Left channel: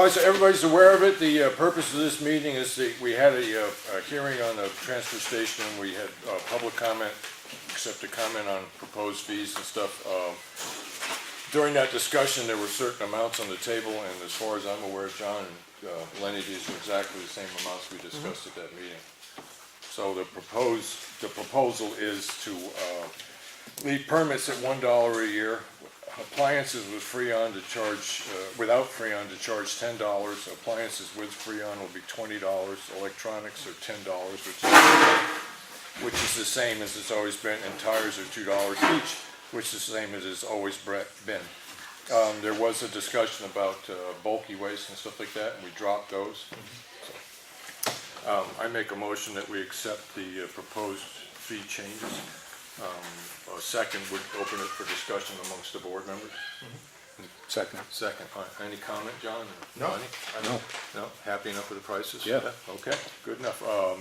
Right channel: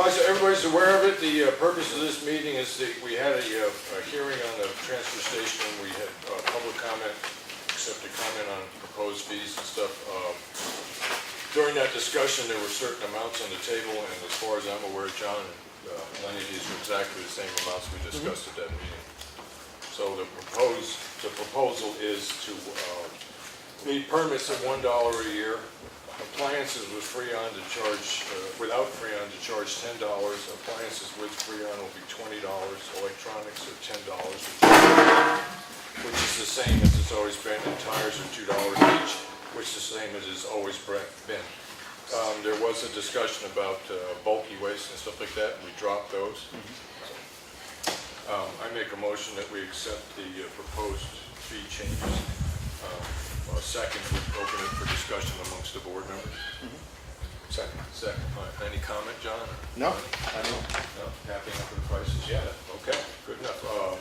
All right, so everybody's aware of it. The purpose of this meeting is that we had a hearing on the transfer station. We had public comment, accept a comment on proposed fees and stuff. During that discussion, there were certain amounts on the table, and as far as I'm aware, John and Lenny, these are exactly the same amounts we discussed at that meeting. So the proposal is to leave permits at $1 a year. Appliances with Freon to charge, without Freon to charge $10. Appliances with Freon will be $20. Electronics are $10, which is the same as it's always been. And tires are $2 each, which is the same as it's always been. There was a discussion about bulky waste and stuff like that, and we dropped those. I make a motion that we accept the proposed fee changes. A second would open it for discussion amongst the board members. Second. Second. Any comment, John? No, I don't. No? Happy enough with the prices? Yeah. Okay, good enough.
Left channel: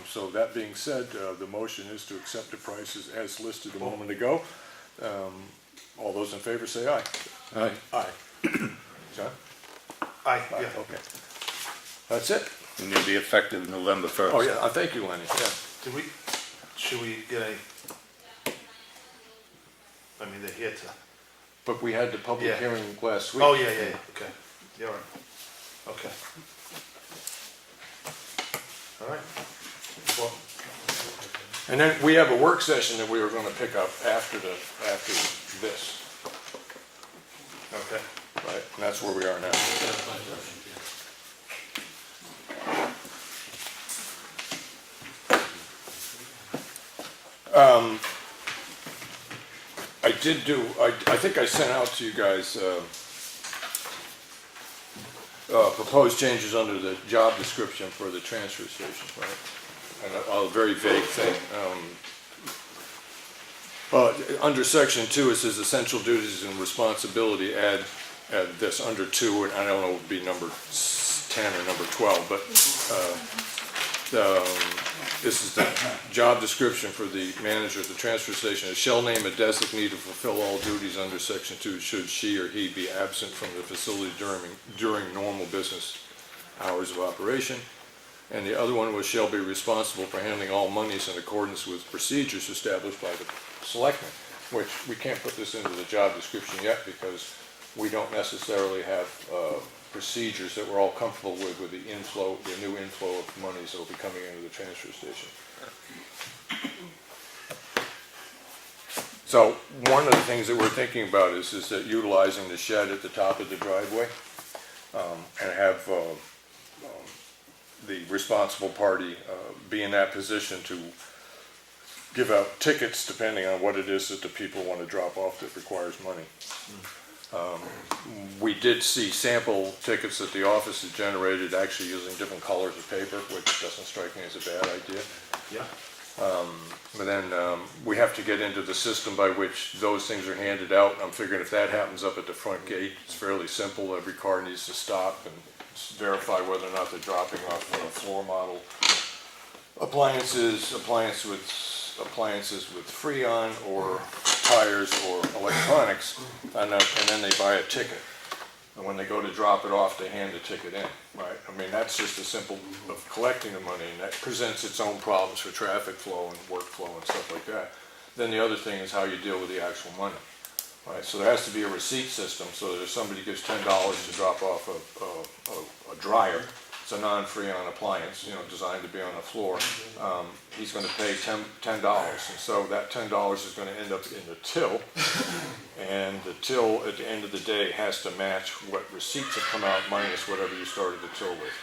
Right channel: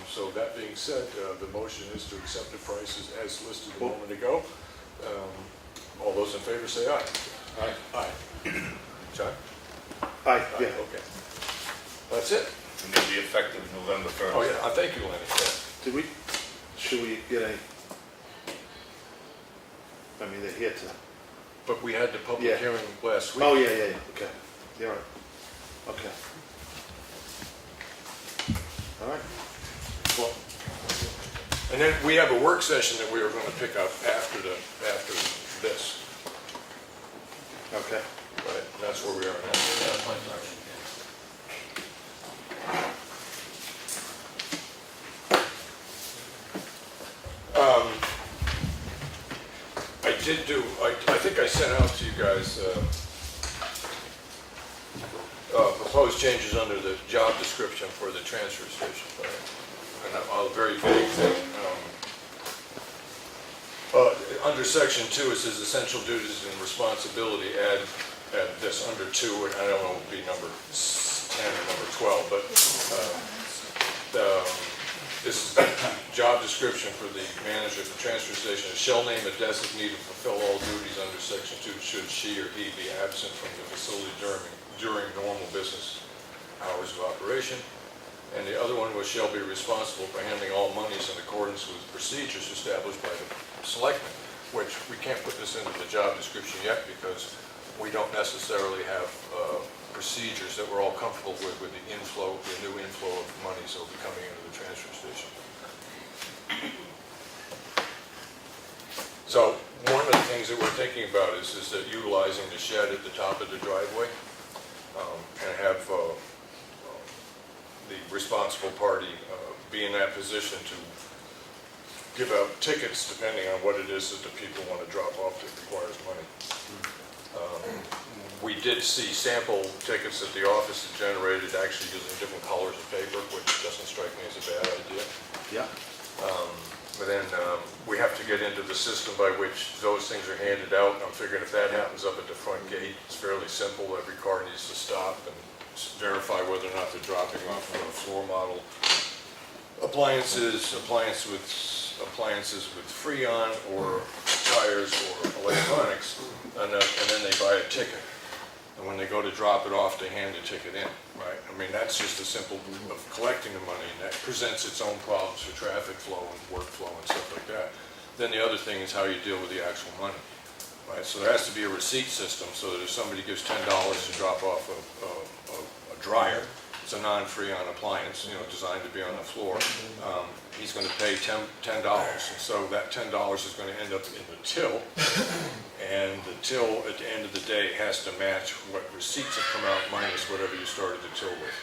So that being said, the motion is to accept the prices as listed a moment ago. All those in favor say aye. Aye. Aye. John? Aye, yeah. Okay. That's it. We need to be effective November 1st. Oh, yeah. Thank you, Lenny. Yeah. Should we get any, I mean, they're here to, But we had the public Yeah. hearing last week. oh, yeah, okay. You're right. Okay. All right. Well, And then we have a work session that we were going to pick up after this. okay. Right, and that's where we are now. I think I sent out to you guys proposed changes under the job description for the transfer station, right? And a very vague thing. Under section 2, it says essential duties and responsibility. Add this under 2, and I don't know, it would be number 10 or number 12, but this is the job description for the manager at the transfer station. It shall name a designee to fulfill all duties under section 2 should she or he be absent from the facility during normal business hours of operation. And the other one was shall be responsible for handling all monies in accordance with procedures established by the selectmen, which we can't put this into the job description yet because we don't necessarily have procedures that we're all comfortable with the inflow, the new inflow of monies that will be coming into the transfer station. So one of the things that we're thinking about is that utilizing the shed at the top of the driveway and have the responsible party be in that position to give out tickets depending on what it is that the people want to drop off that requires money. We did see sample tickets that the office had generated actually using different colors of paper, which doesn't strike me as a bad idea. Yeah. But then we have to get into the system by which those things are handed out. I'm figuring if that happens up at the front gate, it's fairly simple. Every car needs to stop and verify whether or not they're dropping off on a floor model appliances with Freon or tires or electronics, and then they buy a ticket. And when they go to drop it off, they hand the ticket in, right? I mean, that's just a simple of collecting the money, and that presents its own problems for traffic flow and workflow and stuff like that. Then the other thing is how you deal with the actual money, right? So there has to be a receipt system so that if somebody gives $10 to drop off a dryer, it's a non-Freon appliance, designed to be on the floor. He's going to pay $10, and so that $10 is going to end up in the till, and the till at the end of the day has to match what receipts have come out minus whatever you started the till with.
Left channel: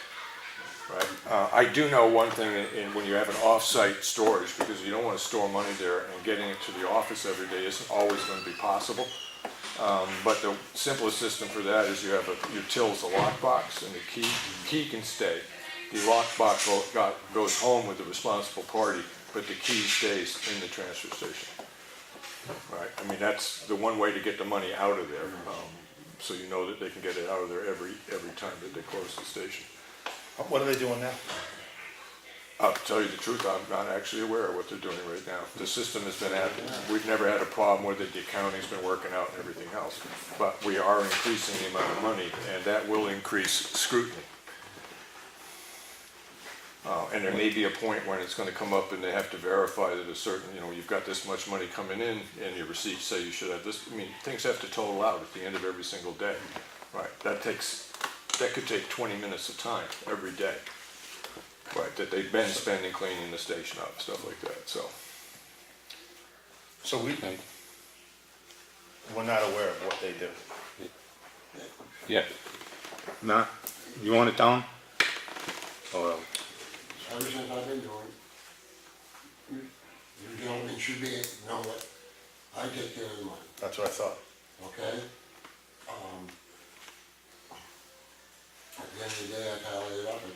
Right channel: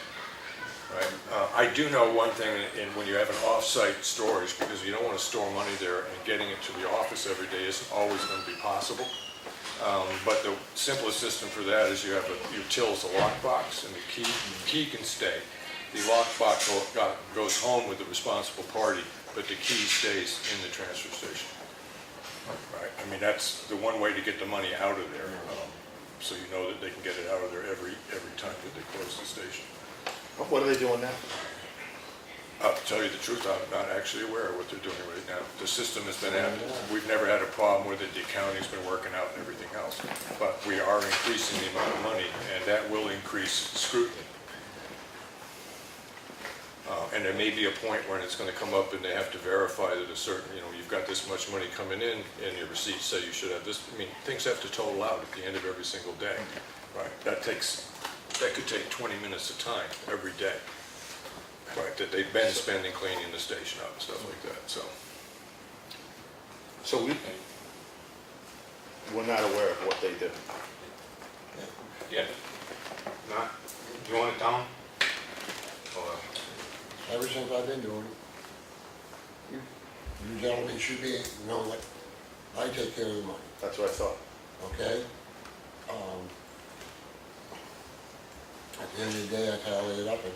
Right? I do know one thing when you have an off-site storage, because you don't want to store money there, and getting it to the office every day isn't always going to be possible. But the simplest system for that is you have your till is a lockbox, and the key can stay. The lockbox goes home with the responsible party, but the key stays in the transfer station. Right? I mean, that's the one way to get the money out of there, so you know that they can get it out of there every time that they close the station. What are they doing now? I'll tell you the truth, I'm not actually aware of what they're doing right now. The system has been added. We've never had a problem with it. The accounting's been working out and everything else. But we are increasing the amount of money, and that will increase scrutiny. And there may be a point when it's going to come up and they have to verify that a certain, you've got this much money coming in and your receipts say you should have this. I mean, things have to total out at the end of every single day. Right, that could take 20 minutes of time every day. Right, that they've been spending cleaning the station up and stuff like that, so. So we're not aware of what they do. Yeah. Nah, you want it down? Or, Ever since I've been doing it, you gentlemen should be, know it. I take care of the money, That's what I thought. okay? At the end of the day, I tally it up, I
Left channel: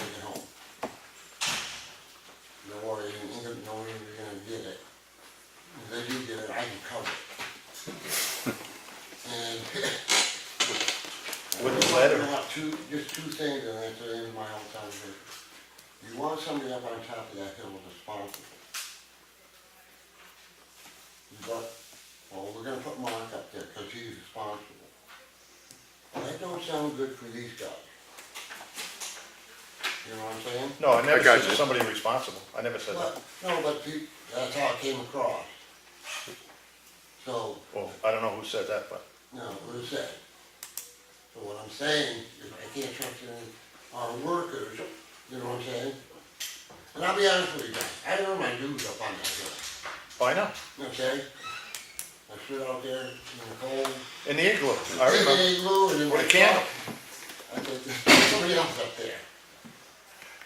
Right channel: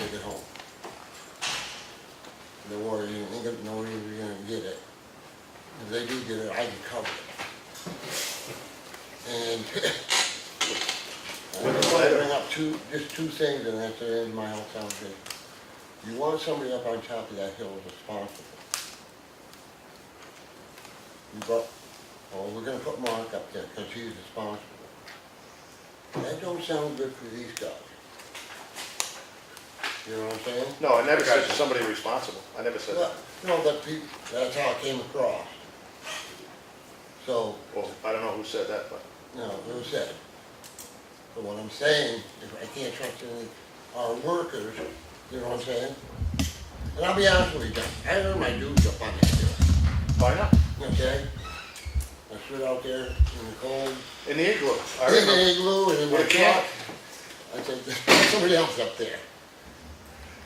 take it home. Don't worry, you ain't gonna know you're gonna get it. If they do get it, I can cover it. And With the I letter. bring up just two things, and that's the end of my whole conversation. You want somebody up on top of that hill is responsible. We're gonna put Mark up there, because he's responsible. That don't sound good for these guys. You know what I'm saying? No, I never I got said you. somebody responsible. I never said that. No, but that's how it came across. So, Well, I don't know who said that, but. no, it was said. But what I'm saying is I can't trust any of our workers, you know what I'm saying? And I'll be honest with you, John, I learned my dues up on that hill, Oh, I know. okay? I stood out there in the cold, In the igloo. I in the remember. igloo and in my The camp. truck. I said, there's somebody else up there.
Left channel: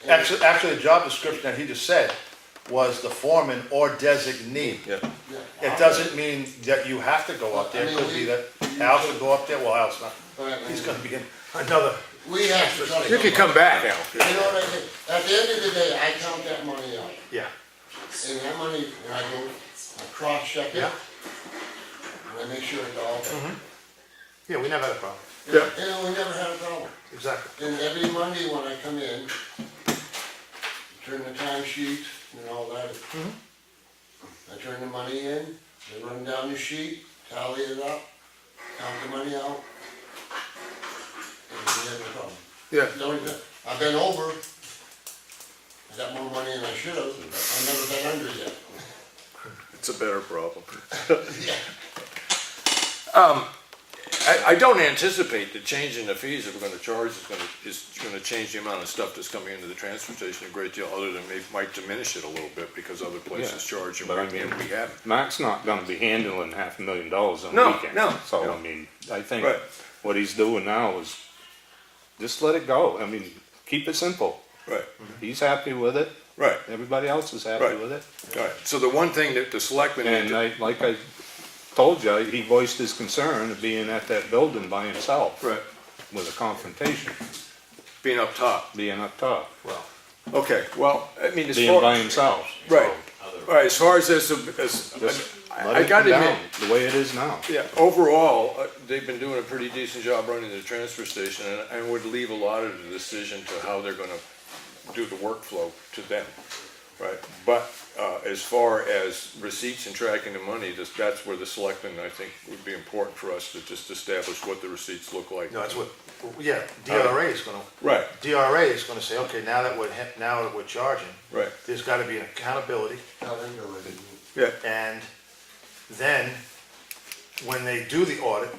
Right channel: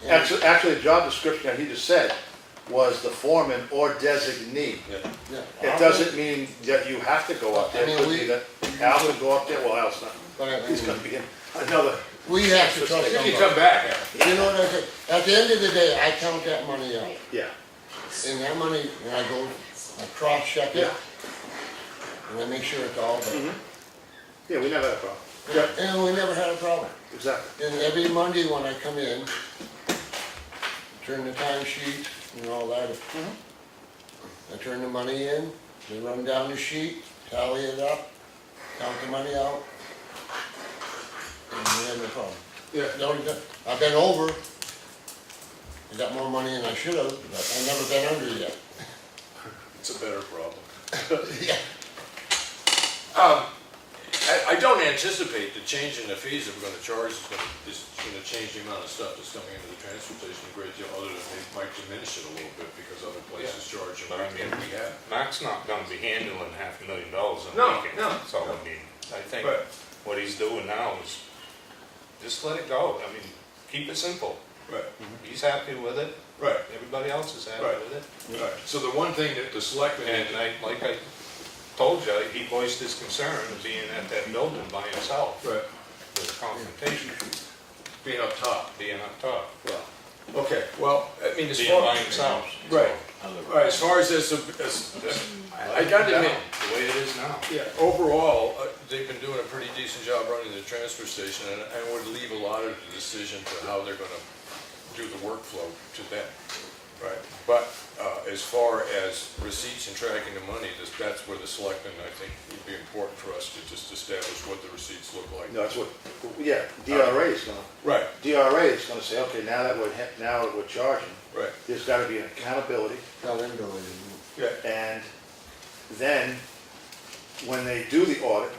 And- Actually, the job description that he just said was the foreman or designee. Yeah. Yeah, It doesn't mean that you have to go up there. I mean, It could be that Al could go up there. Well, Al's not. He's gonna be in another. We have to trust You can somebody. come back, Al. You know what I said? At the end of the day, I count that money out. Yeah. And that money, and I go, I cross-check it, and I make sure it's all there. Yeah, we never had a problem. Yeah. And we never had a problem. Exactly. And every Monday when I come in, turn the time sheet and all that. I turn the money in, they run down the sheet, tally it up, count the money out. And we had no problem. Yeah. I've been over, I got more money than I should have, but I've never been under yet. It's a better problem. Yeah. I don't anticipate the change in the fees that we're gonna charge is gonna change the amount of stuff that's coming into the transfer station a great deal, other than it might diminish it a little bit because other places charge but I more mean, than we have. Mac's not gonna be handling $500,000 on No, weekends. no, So, no. I mean, I think Right. what he's doing now is just let it go. I mean, keep it simple. Right, He's happy with it. right, Everybody else is happy Right. with it. right. So the one thing that the selectmen need And to. like I told you, he voiced his concern of being at that building by himself Right, with a confrontation, being up top. being up top, Well, okay, well, I mean, as being far. by himself. Right, right, as far as this, Let I it gotta come admit, down the way it is now. yeah, overall, they've been doing a pretty decent job running the transfer station, and would leave a lot of the decision to how they're gonna do the workflow to them, right? But, as far as receipts and tracking the money, that's where the selectmen, I think, would be important for us to just establish what the receipts look like. No, that's what, yeah, DRA is gonna, Right, DRA is gonna say, okay, now that we're charging, right, there's gotta be an accountability. Tell them to do it. yeah, And then, when they do the audit,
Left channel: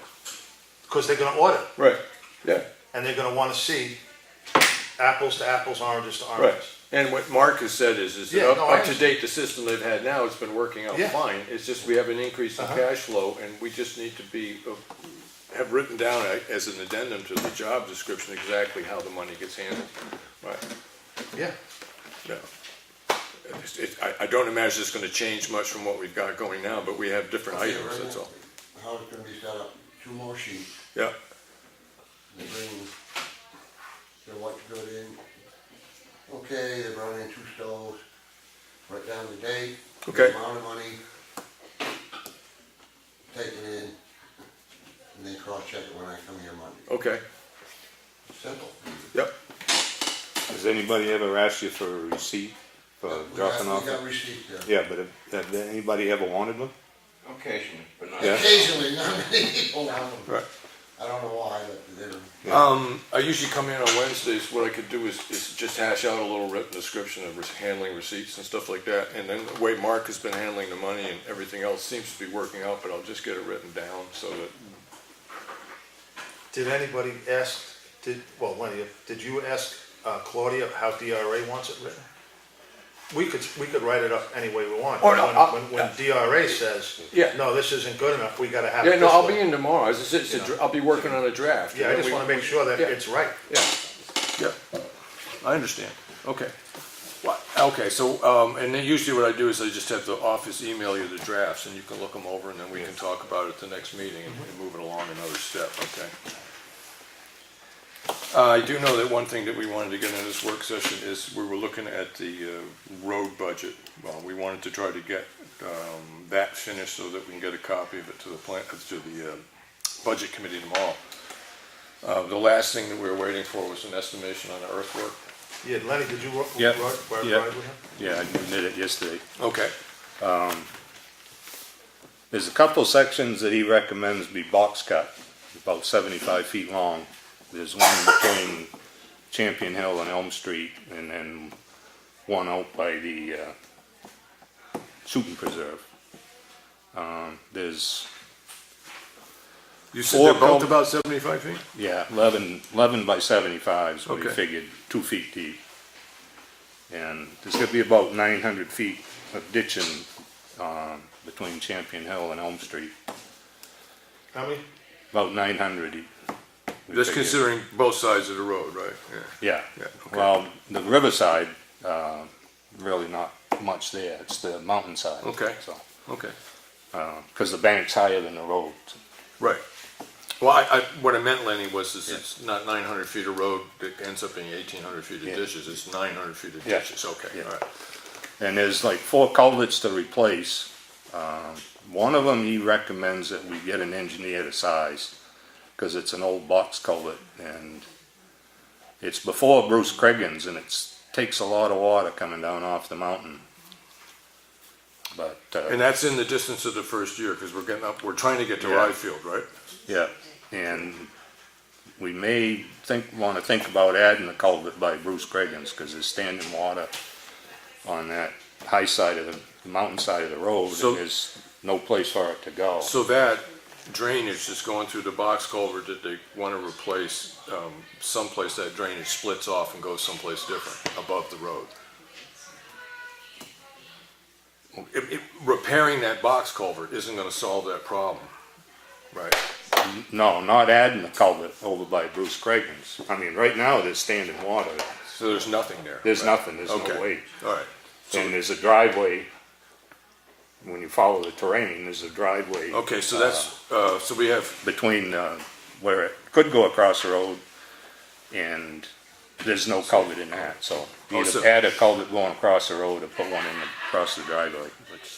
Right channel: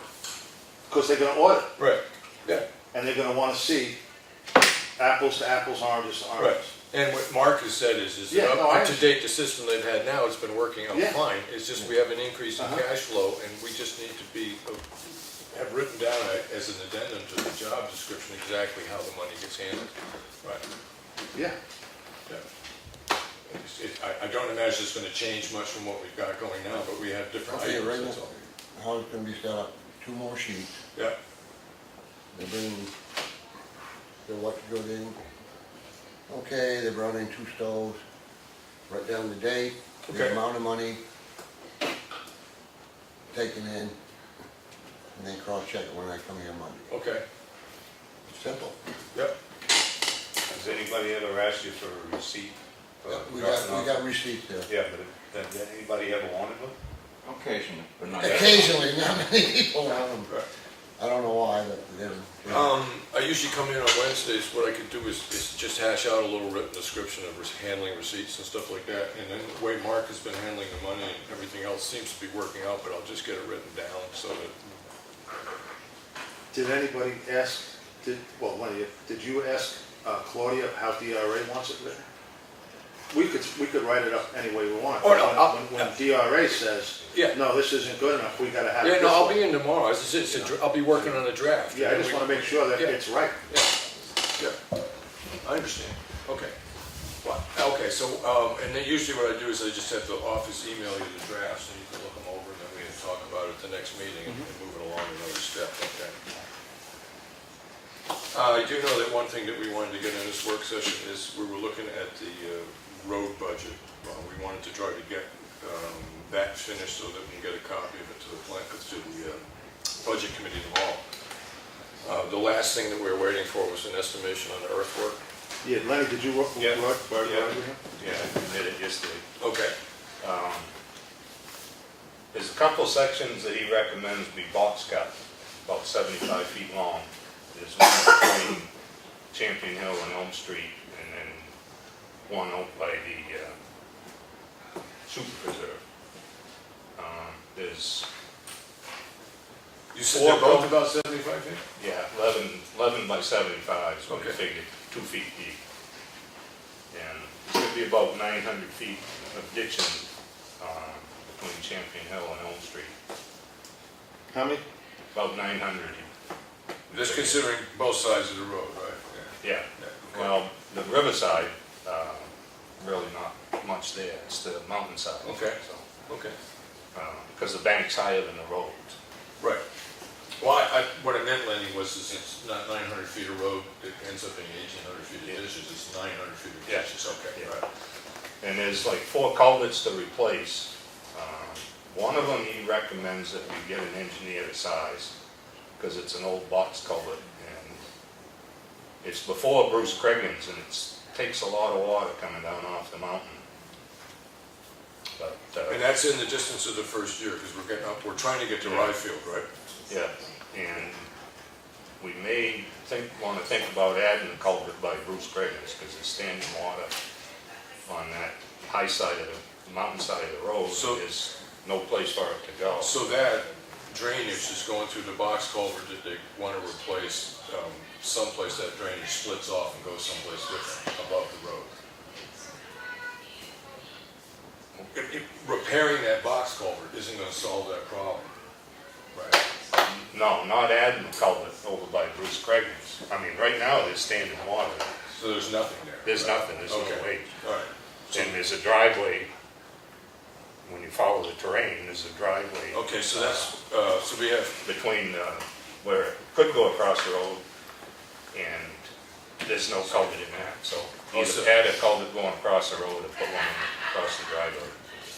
because they're gonna audit, right, yeah. and they're gonna wanna see apples to apples, oranges to Right, oranges. and what Mark has said is that Yeah, no, I up to date, the system they've had now, it's been working out Yeah. fine. It's just we have an increase in Uh-huh. cash flow, and we just need to have written down as an addendum to the job description exactly how the money gets handled. Right, Yeah, yeah. I don't imagine it's gonna change much from what we've got going now, but we have different Okay, items, right that's now, all. how it's gonna be set up, 2 more sheets, Yeah, they bring the what's good in. Okay, they brought in 2 stoves, write down the date, Okay. the amount of money taken in, and then cross-check it when I come here Monday. okay, Simple. yep. Has anybody ever asked you for a receipt for dropping We off? got receipts there. Yeah, but have anybody ever wanted one? Occasionally, but not. Yeah. Occasionally, not many people want them. Right. I don't know why, but they didn't. I usually come in on Wednesdays, what I could do is just hash out a little written description of handling receipts and stuff like that, and then the way Mark has been handling the money and everything else seems to be working out, but I'll just get it written down so that, Did anybody ask, did you ask Claudia how DRA wants it written? We could write it up any way we want. Or no, When DRA says, Yeah. no, this isn't good enough, we gotta have it yeah, no, this I'll way. be in tomorrow, I'll be working on a draft. Yeah, I and just then wanna make sure that yeah. it's right. Yeah, I understand, okay. Okay, so, and then usually what I do is I just have the office email you the drafts, and you can look them over, and then we can talk about it at the next meeting and move it along another step, okay? I do know that one thing that we wanted to get in this work session is we were looking at the road budget. We wanted to try to get that finished so that we can get a copy of it to the budget committee tomorrow. The last thing that we were waiting for was an estimation on the earthwork. Yeah, Lenny, did you work? Yeah. Ride Yeah. with him? Yeah, I did it yesterday. Okay. There's a couple sections that he recommends be box cut, about 75 feet long. There's one between Champion Hill and Elm Street, and then one out by the shooting preserve. There's, You said they're both about 75 feet? yeah, 11 by 75 is what he Okay. figured, 2 feet deep. And there's gonna be about 900 feet of ditching between Champion Hill and Elm Street. How many? About 900. we That's figured. considering both sides of the road, right? Yeah. Yeah, okay. Well, the riverside, really not much there, it's the mountainside. Okay. So, Okay, because the bank's higher than the road. right. Well, what I meant, Lenny, was it's not 900 feet of road, it ends up being 1,800 feet of Yeah. dishes, it's 900 feet of Yeah. dishes, okay, Yeah. all right. And there's like 4 culverts to replace. One of them, he recommends that we get an engineer to size, because it's an old box culvert, and it's before Bruce Craigan's, and it takes a lot of water coming down off the mountain. But, And that's in the distance of the first year, because we're trying to get to Yeah. Ryfield, right? yeah, and we may want to think about adding the culvert by Bruce Craigan's, because there's standing water on that high side of the mountain side of the road, So- and there's no place for it to go. So that drainage is going through the box culvert that they want to replace, someplace that drainage splits off and goes someplace different, above the road. Repairing that box culvert isn't going to solve that problem, right? No, not adding the culvert over by Bruce Craigan's. I mean, right now, there's standing water there. So there's nothing there. There's right? nothing, there's no Okay. way. All right. So- And there's a driveway, when you follow the terrain, there's a driveway. Okay, so that's, so we have, Between where it could go across the road, and there's no culvert in that, so Oh, so- either add a culvert going across the road or put one in across the driveway.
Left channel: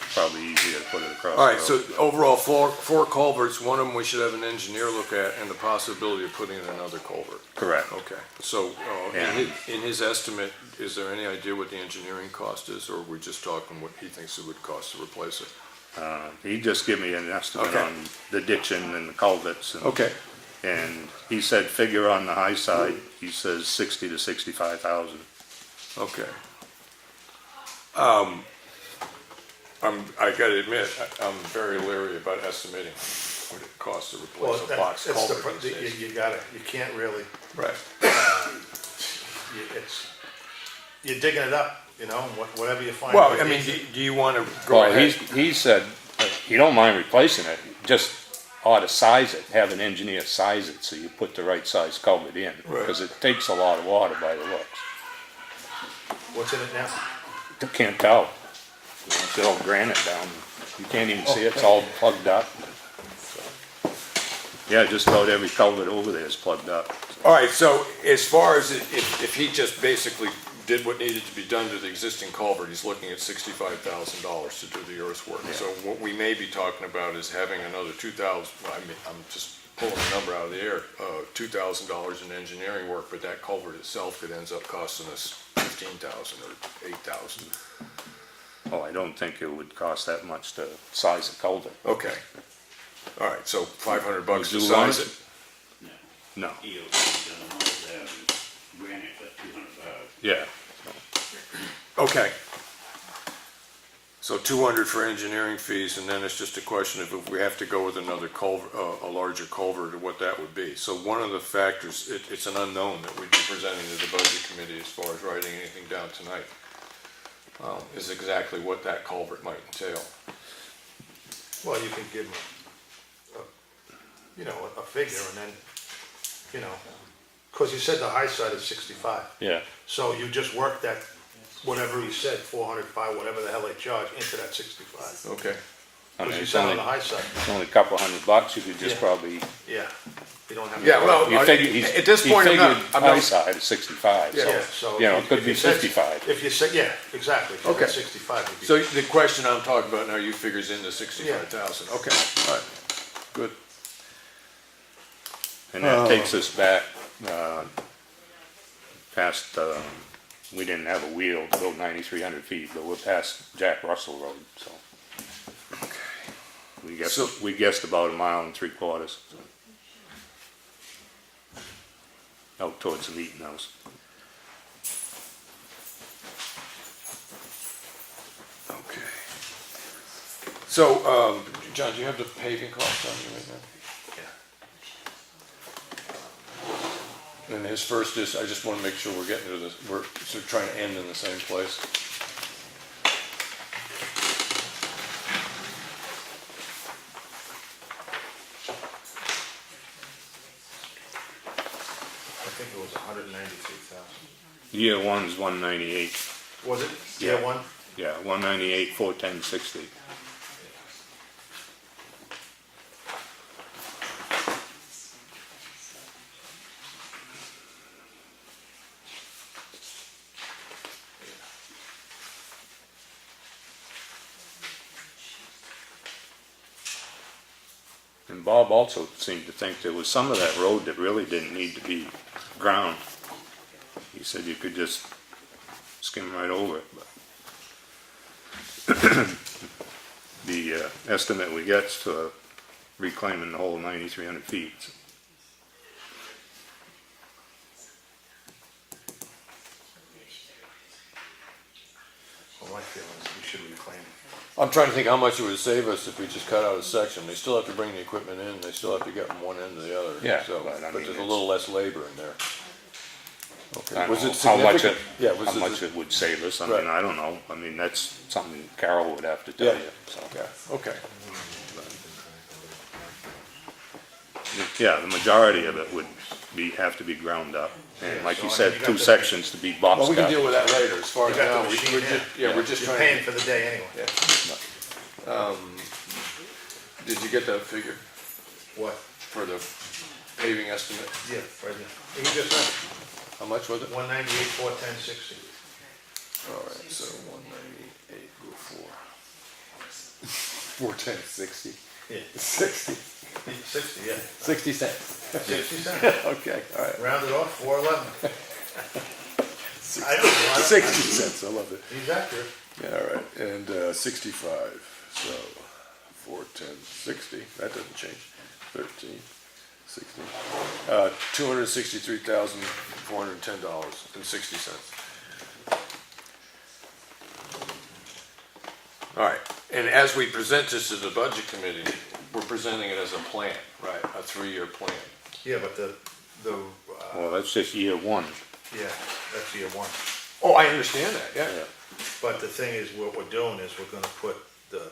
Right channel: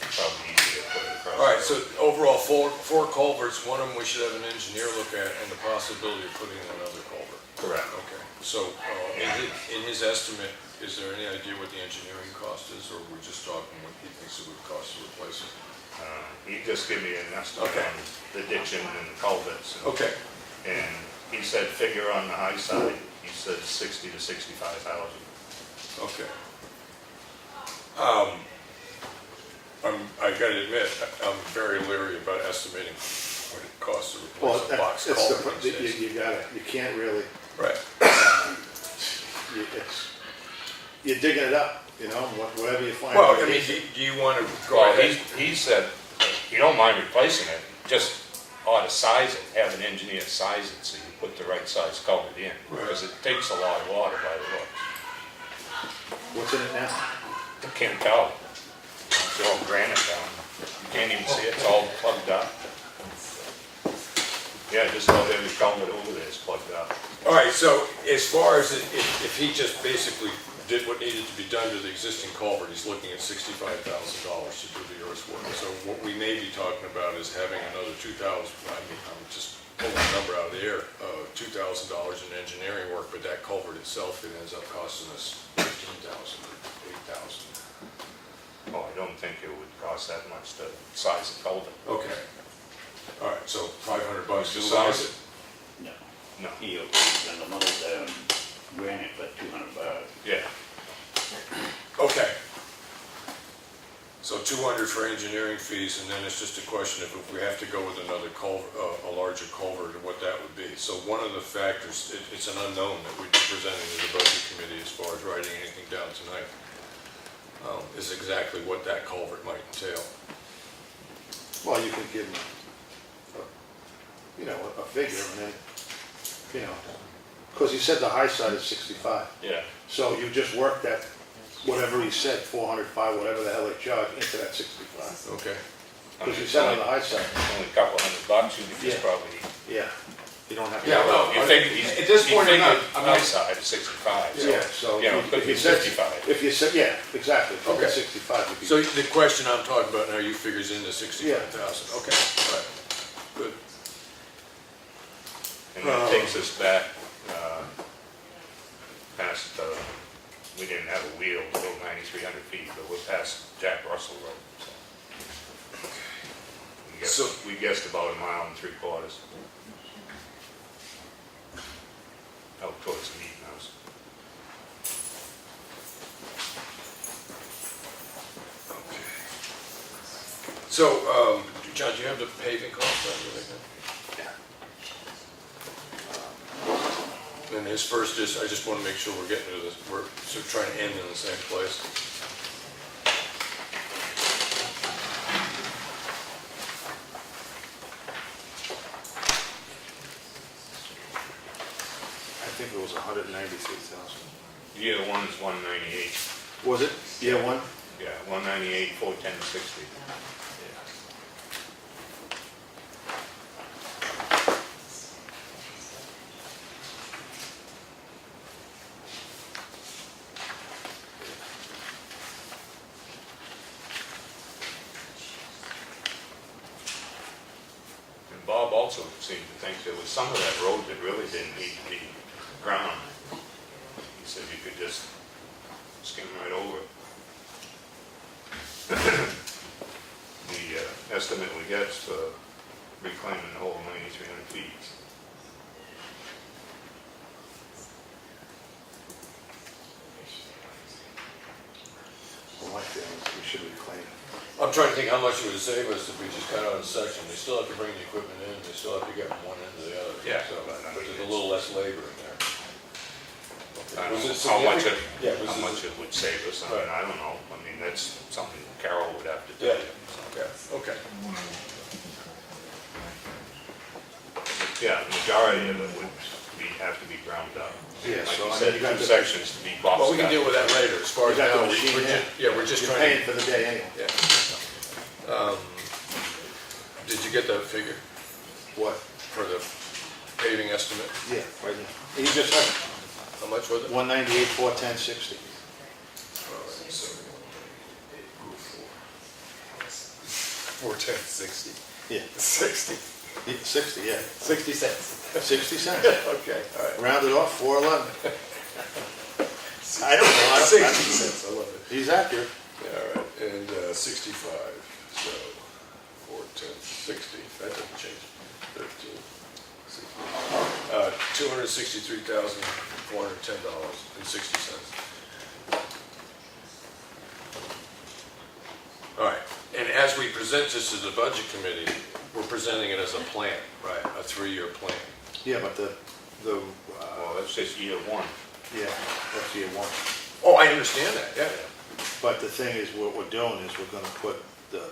It's probably easier to put it across the road. all right, so overall, four culverts, one of them we should have an engineer look at, and the possibility of putting in another culvert. Correct. Okay, so Yeah. in his estimate, is there any idea what the engineering cost is, or we're just talking what he thinks it would cost to replace it? He just gave me an estimate Okay. on the ditching and the culverts. Okay, And he said figure on the high side, he says 60 to 65,000. okay. I gotta admit, I'm very leery about estimating what it costs to Well, replace a box that's the, culvert these days. you can't really, Right, you're digging it up, whatever you find. well, I mean, do you wanna go Well, ahead? he said, you don't mind replacing it, just ought to size it, have an engineer size it so you put the right size culvert in. Right. Because it takes a lot of water by the looks. What's in it now? You can't tell. It's all granite down. You can't even see it, it's all plugged up. Yeah, just about every culvert over there is plugged up. All right, so as far as if he just basically did what needed to be done to the existing culvert, he's looking at $65,000 to do the earthwork. So what we may be talking about is having another 2,000, I'm just pulling a number out of the air, $2,000 in engineering work, but that culvert itself, it ends up costing us 15,000 or 8,000. Oh, I don't think it would cost that much to size the culvert. Okay. All right, so $500 to Would you size like- it. No. No. Eel, and the mother's, granite for $200. Yeah. Okay. So 200 for engineering fees, and then it's just a question of if we have to go with another culvert, a larger culvert, or what that would be. So one of the factors, it's an unknown that we'd be presenting to the budget committee as far as writing anything down tonight, is exactly what that culvert might entail. Well, you can give them, you know, a figure and then, you know, because you said the high side is 65. Yeah. So you just work that, whatever he said, 400, 5, whatever the hell they charge, into that 65. Okay. I mean, Because you it's said on only, the high side, only a couple $100, you could just Yeah. probably, yeah, you don't have. Yeah, well, you figure, at this point, I'm not- high side is 65, so, Yeah, so. you know, it could if be you said- 55. If you said, yeah, exactly. If you said Okay. 65 would be. So the question I'm talking about now, you figures into 65,000. Okay, all right, good. And that takes us back, past, we didn't have a wheel to go 9,300 feet, but we're past Jack Russell Road, so. So- We guessed about 1.75 miles. Out towards the Eaton House. Okay. So, John, do you have the paving costs on you right now? And his first is, I just want to make sure we're getting to this, we're sort of trying to end in the same place. I think it was 196,000. Year one's 198. Was it? Yeah, one? Yeah, 198, 410, 60. And Bob also seemed to think there was some of that road that really didn't need to be ground. He said you could just skim right over it. The estimate we get for reclaiming the whole 9,300 feet. Well, my feeling is we should reclaim. I'm trying to think how much it would save us if we just cut out a section. They still have to bring the equipment in, they still have to get from one end to the other. Yeah, So, but I but mean, there's a it's- little less labor in there. Okay. I don't Was know it how much significant? Yeah, was how it- much it would save us. I Right. mean, I don't know. I mean, that's something Carol would have to tell Yeah, you. so. okay. Yeah, the majority of it would have to be ground up. And Yeah, like so you I said, mean, you 2 got the- sections to be boxed Well, we can up. deal with that later, as far You as got now, the machine we're in? just, yeah, we're just You're trying paying to. for the day anyway. Yeah. Did you get that figure What? for the paving estimate? Yeah, right here. You just said How much was it? 198, 410, 60. All right, so 198, move 4. 410, 60. Yeah, 60. 60, yeah. 60 cents. 60 cents. Okay, all right. Rounded off, 411. I don't know. 60 cents, I love it. He's accurate. Yeah, all right, and 65, so 410, 60, that doesn't change. 13, 60, $263,410.60. All right, and as we present this to the budget committee, we're presenting it as a plan, right? A 3-year plan. Yeah, but Well, that's just year one. yeah, that's year one. Oh, I understand that, yeah. But the thing is, what we're doing is we're gonna put the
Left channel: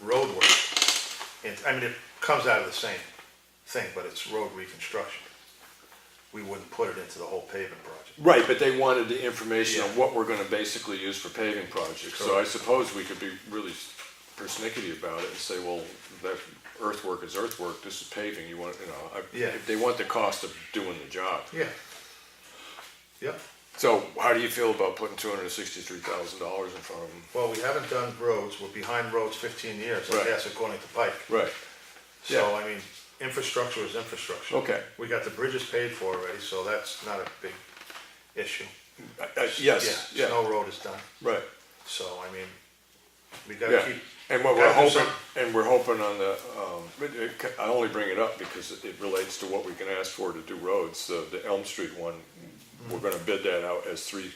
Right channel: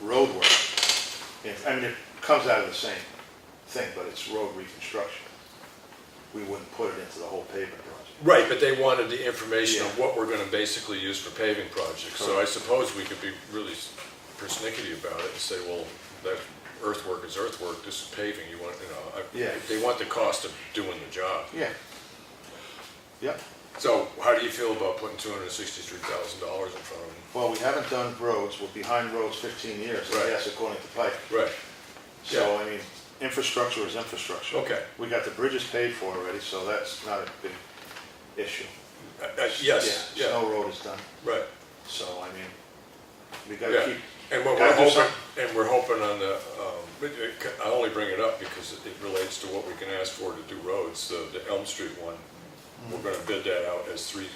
road work, and, I mean, it comes out of the same thing, but it's road reconstruction. We wouldn't put it into the whole paving project. Right, but they wanted the information on what we're gonna basically use for paving projects. So I suppose we could be really persnickety about it and say, well, that earthwork is earthwork, this is paving, you want, Yeah. if they want the cost of doing the job. Yeah. Yep. So how do you feel about putting $263,000 in front of them? Well, we haven't done roads, we're behind roads 15 years, Right. yes, according to Pike. Right. So, I mean, infrastructure is infrastructure. Okay. We got the bridges paid for already, so that's not a big issue. Yes, Yeah, yeah, Snow Road is done, right. so I mean, we gotta Yeah. keep, And what Gotta we're do hoping, something. and we're hoping on the, I only bring it up because it relates to what we can ask for to do roads. The Elm Street one, we're gonna bid that out as three,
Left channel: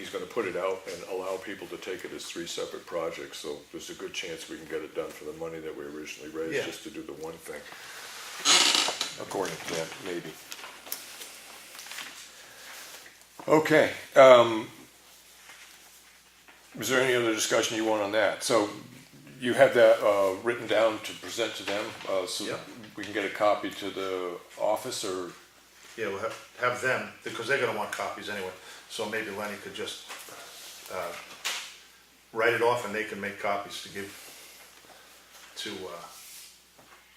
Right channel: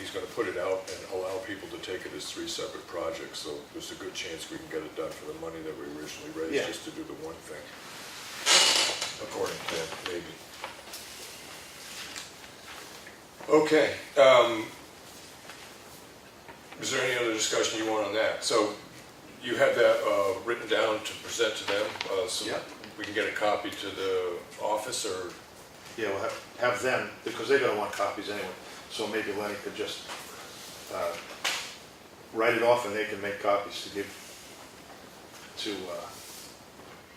he's gonna put it out and allow people to take it as three separate projects. So there's a good chance we can get it done for the money that we originally raised, Yeah. just to do the one thing. According to that, maybe. Okay, is there any other discussion you want on that? So you have that written down to present to them, so Yeah. we can get a copy to the office, or, yeah, we'll have them, because they're gonna want copies anyway, so maybe Lenny could just, write it off and they can make copies to give to,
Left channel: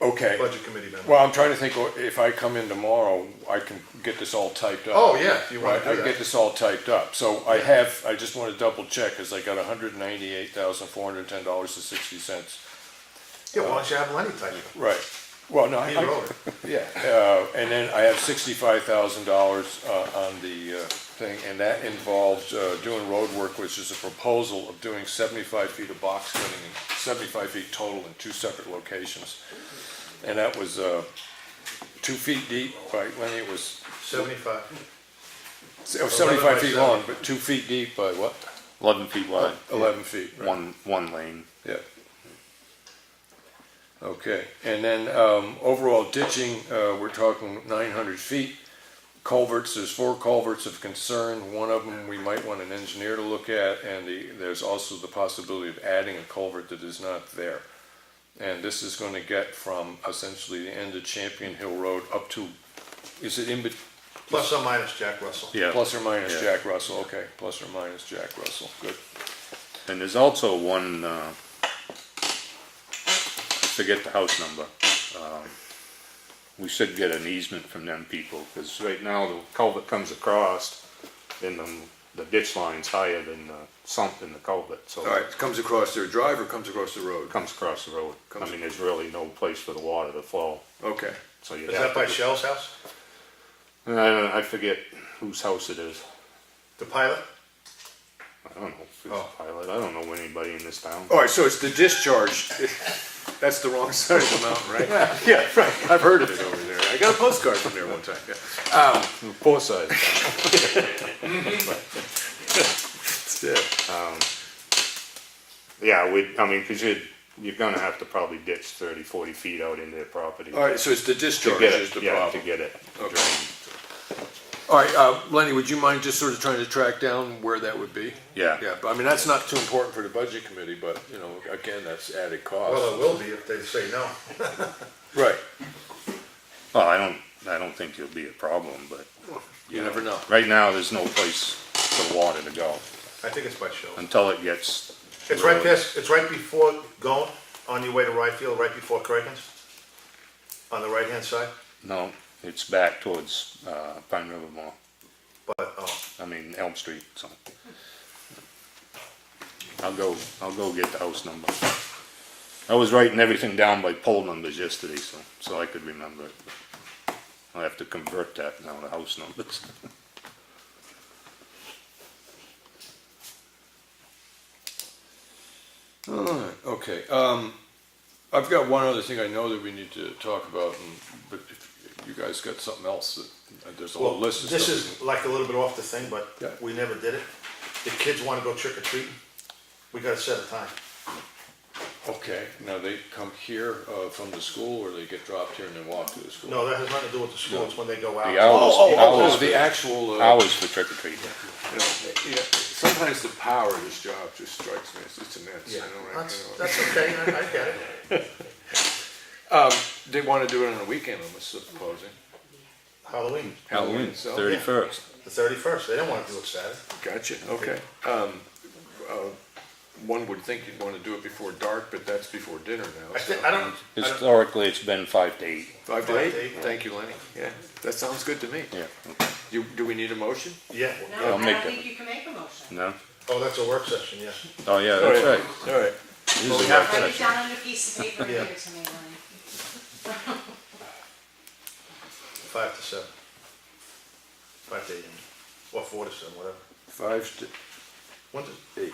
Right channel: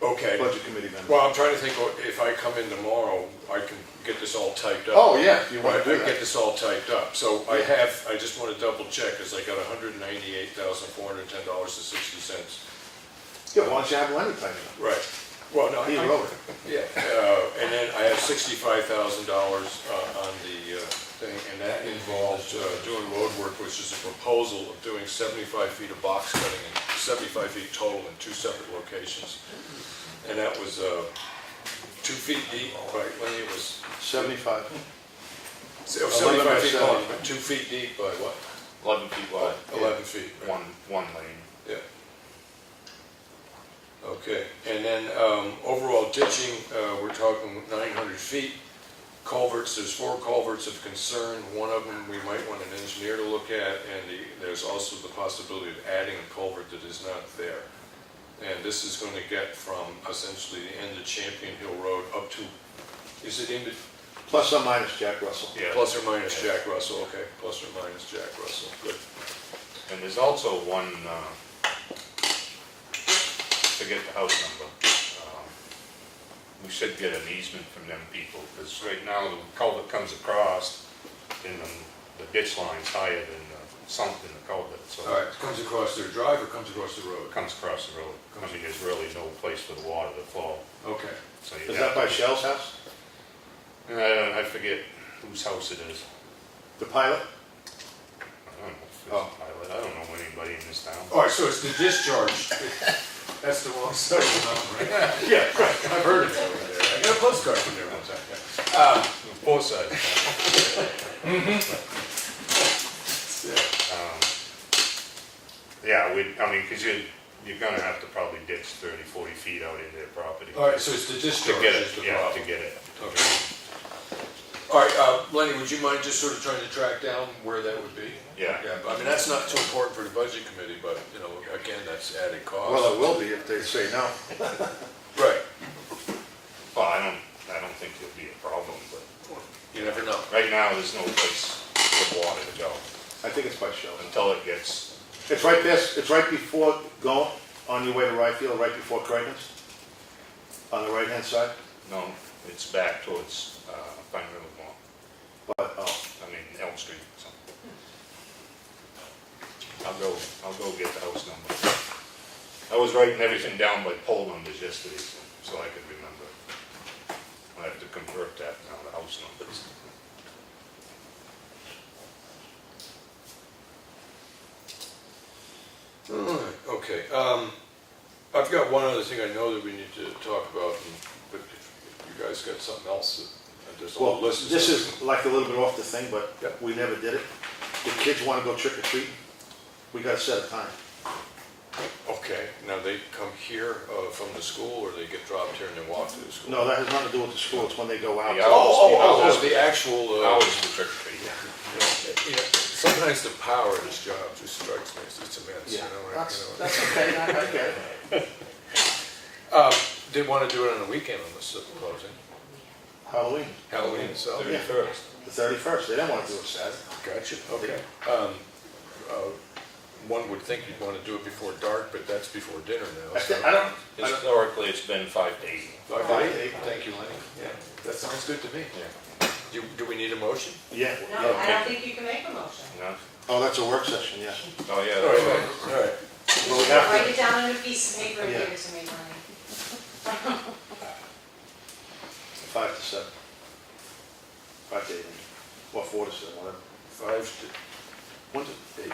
okay. budget committee members. Well, I'm trying to think, if I come in tomorrow, I can get this all typed up. Oh, yeah, if you wanna Right, do I can get that. this all typed up. So I just want to double check, because I got $198,410.60. Yeah, why don't you have Lenny type it? Right. Well, no, He I- wrote it. Yeah, and then I have $65,000 on the thing, and that involved doing road work, which is a proposal of doing 75 feet of box cutting, and 75 feet total in two separate locations. And that was 2 feet deep, right, Lenny, it was 75. 75 feet long, but 2 feet deep by what? 11 feet wide. 11 feet, right? One lane. Yeah. Okay, and then overall ditching, we're talking 900 feet. Culverts, there's 4 culverts of concern. One of them we might want an engineer to look at, and there's also the possibility of adding a culvert that is not there. And this is going to get from essentially the end of Champion Hill Road up to, is it in between? Plus or minus Jack Russell. Yeah. Plus or minus Yeah. Jack Russell, okay, plus or minus Jack Russell, good. And there's also one, forget the house number. We should get an easement from them people, because right now the culvert comes across, and the ditch line's higher than sunk in the culvert, so All right, it comes across their drive or comes across the road? it comes across the road. I mean, there's really no place for the water to flow, Okay, so you Is have that by to. Shell's house? And I forget whose house it is. The pilot? I don't know if it's Oh. a pilot. I don't know anybody in this town. all right, so it's the discharge. That's the wrong side of the mountain, right? Yeah, right. I've heard of it over there. I got a postcard from there one time, yeah. Both sides. Yeah. Yeah, I mean, because you're gonna have to probably ditch 30, 40 feet out into their property. All right, so it's the To discharge get is it, the yeah, to problem. get it. Okay. All right, Lenny, would you mind just sort of trying to track down where that would be? Yeah. Yeah, but I mean, that's not too important for the budget committee, but, you know, again, that's added cost. Well, it will be if they say no. Right, Well, I don't think it'll be a problem, but you never know. right now, there's no place for water to go I think it's by Shell's. until it gets, It's right before going, on your way to Ryefield, right before Craigans? On the right-hand side? no, it's back towards, Pine River Mall. But, oh, I mean, Elm Street, so. I'll go get the house number. I was writing everything down by poll numbers yesterday, so I could remember it. I'll have to convert that now to house numbers. All right, okay. I've got one other thing I know that we need to talk about, but if you guys got something else, there's a whole well, list of this stuff. is like a little bit off the thing, but Yeah. we never did it. If kids wanna go trick or treating, we gotta set a time. Okay, now they come here from the school, or they get dropped here and they walk to the school? No, that has nothing to do with the school, it's when they go out. The hours. Oh, the actual. Hours for trick or treat. Yeah, sometimes the power of this job just strikes me, it's immense, you Yeah, know. that's okay, I get it. They want to do it on the weekend, I'm supposing. Halloween, Halloween, so. 31st. the 31st, they don't wanna do it Saturday. Gotcha, okay. One would think you'd want to do it before dark, but that's before dinner now. I so- don't, Historically, it's been 5 to 8. 5 5 to to 8? 8. Thank you, Lenny. Yeah, that sounds good to me. Yeah. Do we need a motion? yeah, Yeah, No, I'll I make don't it. think you can make a motion. No? oh, that's a work session, yeah. Oh, yeah, All that's right, right. all right. Well, we have Write to, it down on a piece of paper and Yeah. give it to me, Lenny. 5 to 7. 5 to 8, or 4 to 7, whatever. 5 to 1 to 8.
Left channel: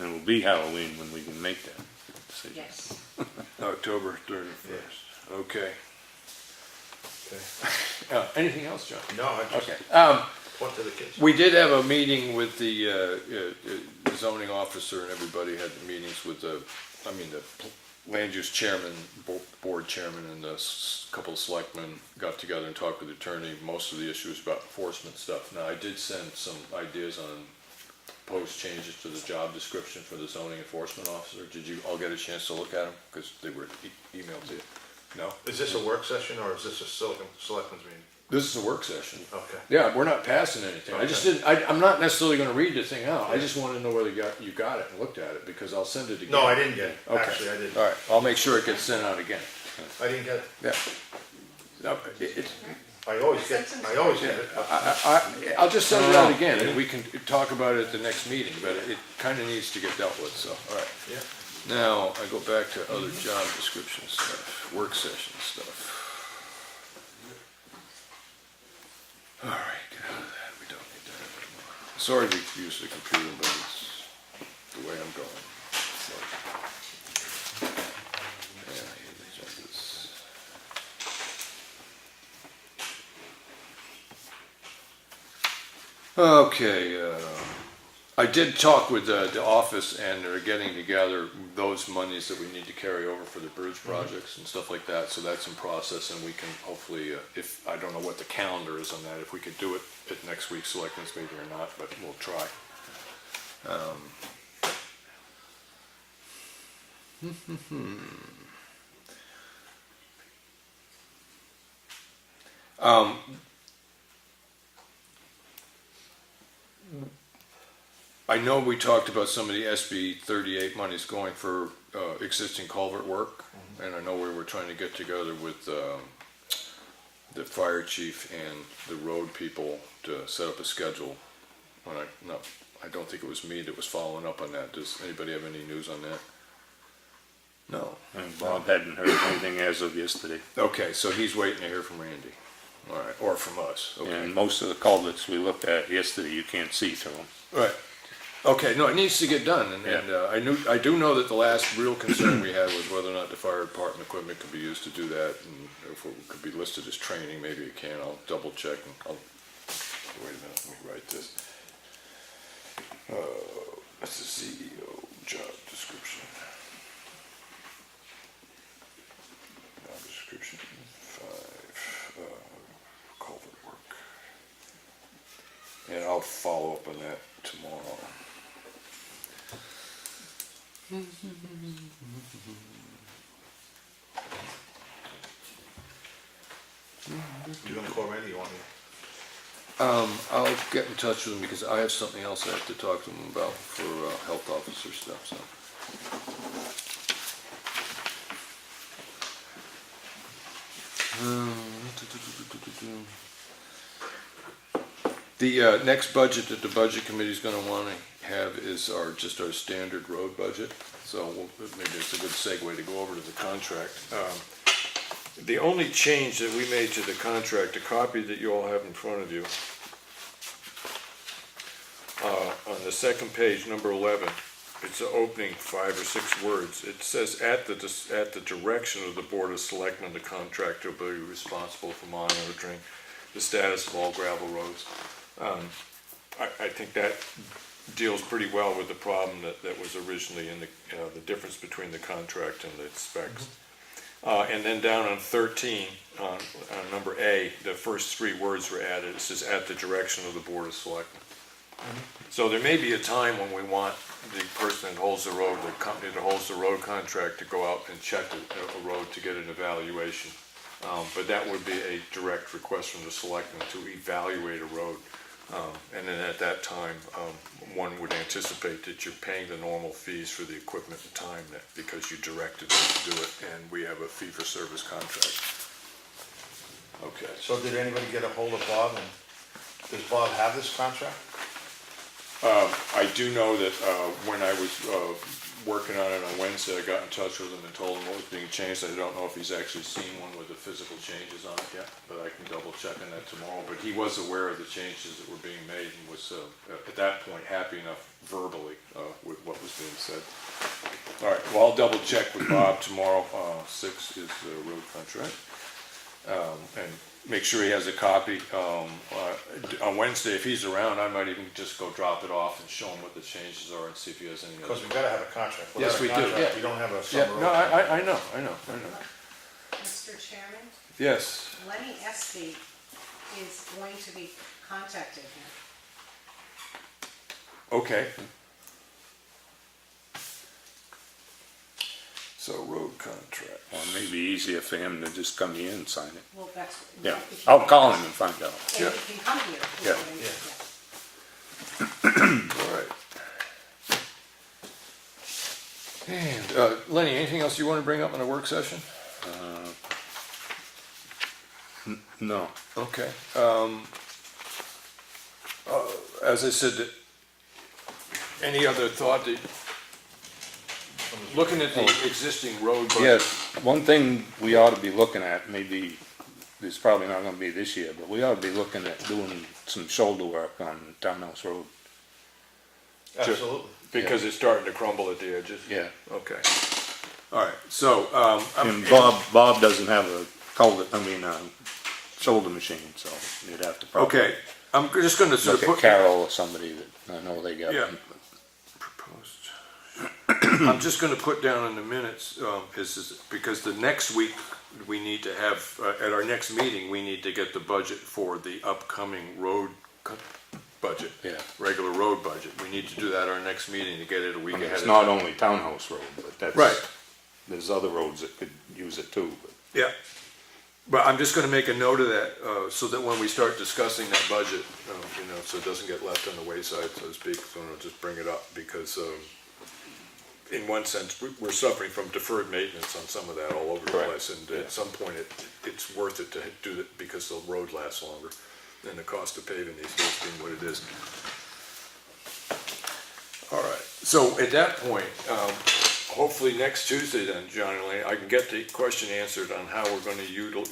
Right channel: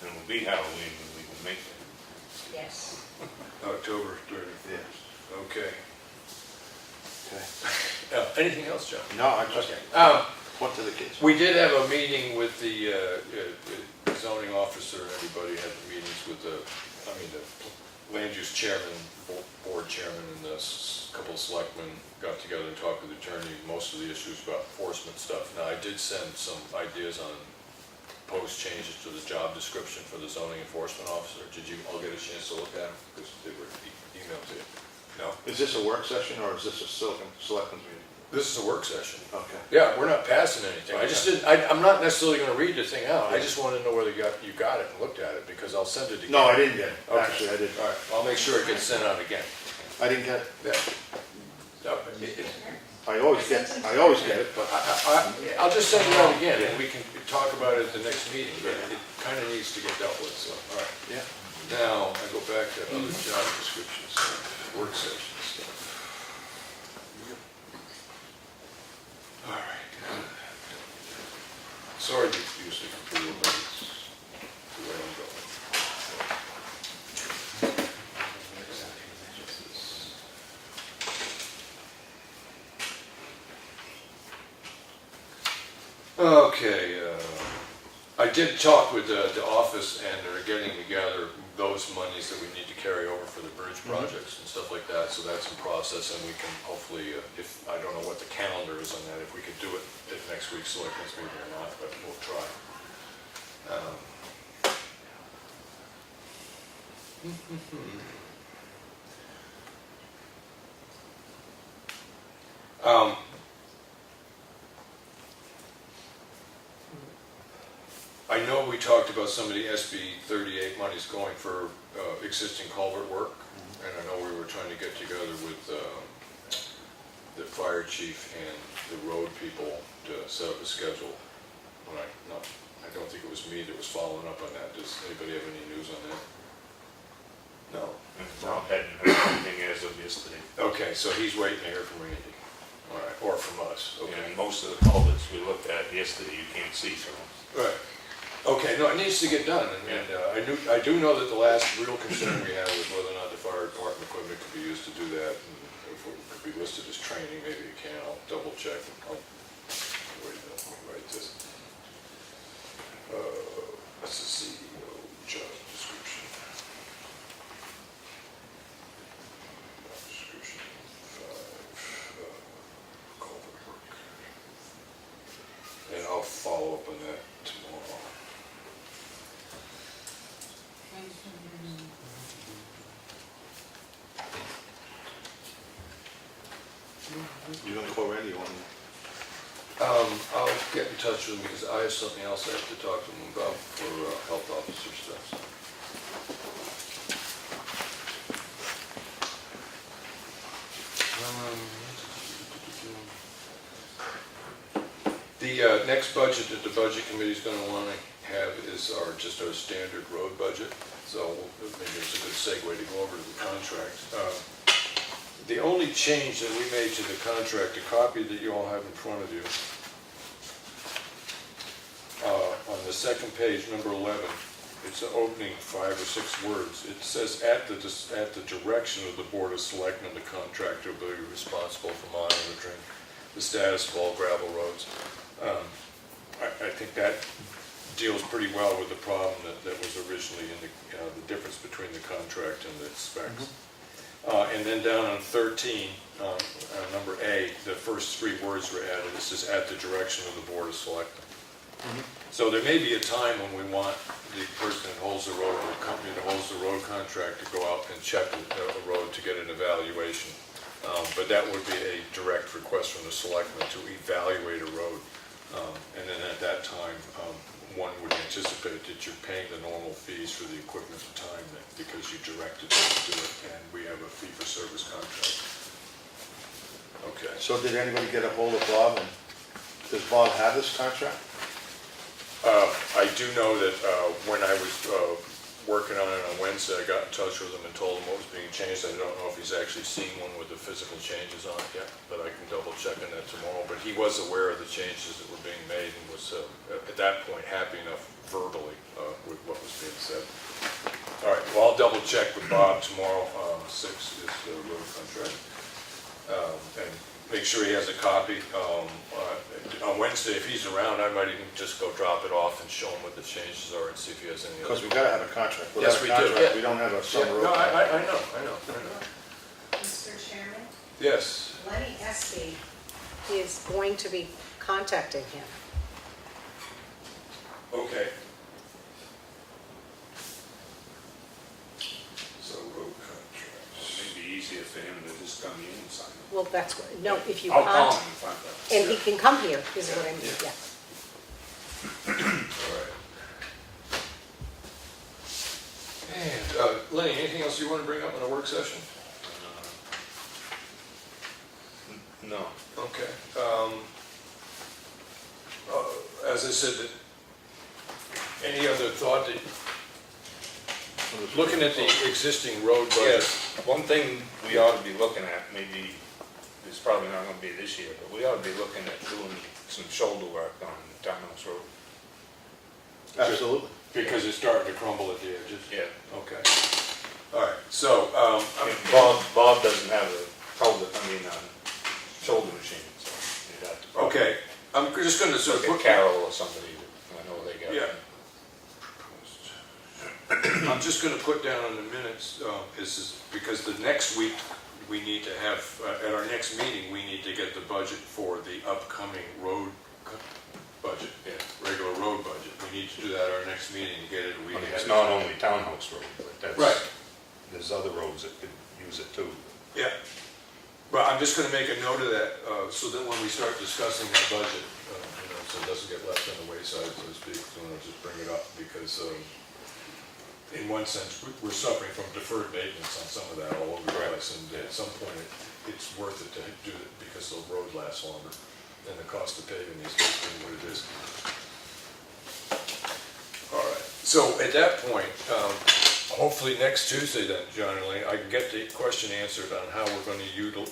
And it'll be Halloween when we can make that. Yes. October 31st. Yes. Okay. Okay. Anything else, John? No, I just, Okay. what to the kids? We did have a meeting with the zoning officer, and everybody had the meetings with the land use chairman, board chairman, and the couple of selectmen got together and talked with the attorney. Most of the issues about enforcement stuff. Now, I did send some ideas on proposed changes to the job description for the zoning enforcement officer. Did you all get a chance to look at them? Because they were emailed to you. No? Is this a work session, or is this a selectmen's meeting? This is a work session. Okay. Yeah, we're not passing anything. I just didn't, I'm not necessarily gonna read the thing out. I just wanna know whether you got it and looked at it, because I'll send it again. No, I didn't get it. Okay. Actually, I didn't. All right, I'll make sure it gets sent out again. I didn't get it. Yeah. No, I always get it, but I'll just send it out again, and we can talk about it at the next meeting, but it kinda needs to get dealt with, so, all right. yeah. Now, I go back to other job descriptions, work session stuff. All right, get out of that. We don't need that. Sorry to use the computer, but it's the way I'm going. Okay, I did talk with the office, and they're getting together those monies that we need to carry over for the bridge projects and stuff like that, so that's in process, and we can hopefully, if, I don't know what the calendar is on that, if we could do it at next week's selectmen's meeting or not, but we'll try. I know we talked about some of the SB 38 monies going for existing culvert work, and I know we were trying to get together with the fire chief and the road people to set up a schedule. I don't think it was me that was following up on that. Does anybody have any news on that? No. And Bob hadn't heard anything as of yesterday. Okay, so he's waiting to hear from Randy. All right, or from us. Okay. And most of the culverts we looked at yesterday, you can't see through them. Right. Okay, no, it needs to get done, and I do know that the last real concern we had was whether or not the fire department equipment could be used to do that, and if it could be listed as training, maybe it can. I'll double check, and wait a minute, let me write this. That's the CEO job description. Job description 5, culvert work. And I'll follow up on that tomorrow. You're gonna call Randy, you want me? I'll get in touch with him because I have something else I have to talk to him about for health officer stuff. So. The next budget that the budget committee is going to want to have is just our standard road budget. So maybe it's a good segue to go over to the contract. The only change that we made to the contract, a copy that you all have in front of you, on the second page, number 11, it's an opening 5 or 6 words. It says, at the direction of the Board of Selectmen, the contractor will be responsible for monitoring the status of all gravel roads. I think that deals pretty well with the problem that was originally in the difference between the contract and the specs. And then down on 13, number A, the first 3 words were added. It says, at the direction of the Board of Selectmen. So there may be a time when we want the person that holds the road, the company that holds the road contract, to go out and check the road to get an evaluation. But that would be a direct request from the selectmen to evaluate a road. And then at that time, one would anticipate that you're paying the normal fees for the equipment and time because you directed them to do it, and we have a fee-for-service contract. Okay. So did anybody get a hold of Bob, and does Bob have this contract? I do know that when I was working on it on Wednesday, I got in touch with him and told him what was being changed. I don't know if he's actually seen one with the physical changes on it yet, but I can double check on that tomorrow. But he was aware of the changes that were being made and was, at that point, happy enough verbally with what was being said. All right, well, I'll double check with Bob tomorrow. 6 is the road contract. And make sure he has a copy. On Wednesday, if he's around, I might even just go drop it off and show him what the changes are and see if he has any Because other. we gotta have a contract. Yes, Without a we do. contract, We don't have a Yeah, summer no, road. I know. Mr. Chairman, Yes, Lenny Espie is going to be contacting him. okay. So road contract. Well, it may be easier for him to just come here and sign it. Well, that's what, no, Yeah. if you. I'll call him and find out. And he can come here, is Yeah, what I mean, yeah. yeah. All right. And, Lenny, anything else you want to bring up in a work session? No. Okay. As I said, that any other thought that, looking at the existing road budget? Yes, one thing we ought to be looking at, maybe, it's probably not gonna be this year, but we ought to be looking at doing some shoulder work on Townhouse Road. Absolutely. Because it's starting to crumble at the edges? Yeah. Okay. All right, so, And Bob doesn't have a shoulder machine, so you'd have to probably okay, I'm just gonna sort look of at Carol or somebody that I know they got. Yeah. Proposed. I'm just gonna put down in the minutes, is because the next week, we need to have, at our next meeting, we need to get the budget for the upcoming road budget. Yeah. Regular road budget. We need to do that at our next meeting to get it a week I mean, ahead. it's not only Townhouse Road, but that's. Right. There's other roads that could use it too. Yeah, but I'm just gonna make a note of that, so that when we start discussing that budget, so it doesn't get left on the wayside, so to speak, so I'll just bring it up, because, in one sense, we're suffering from deferred maintenance on some of that all over the Correct. place, and at some point, it's worth it to do it, because the road lasts longer than the cost of paving these days being what it is. All right, so at that point, hopefully next Tuesday then, John and Elaine, I can get the question answered on how we're gonna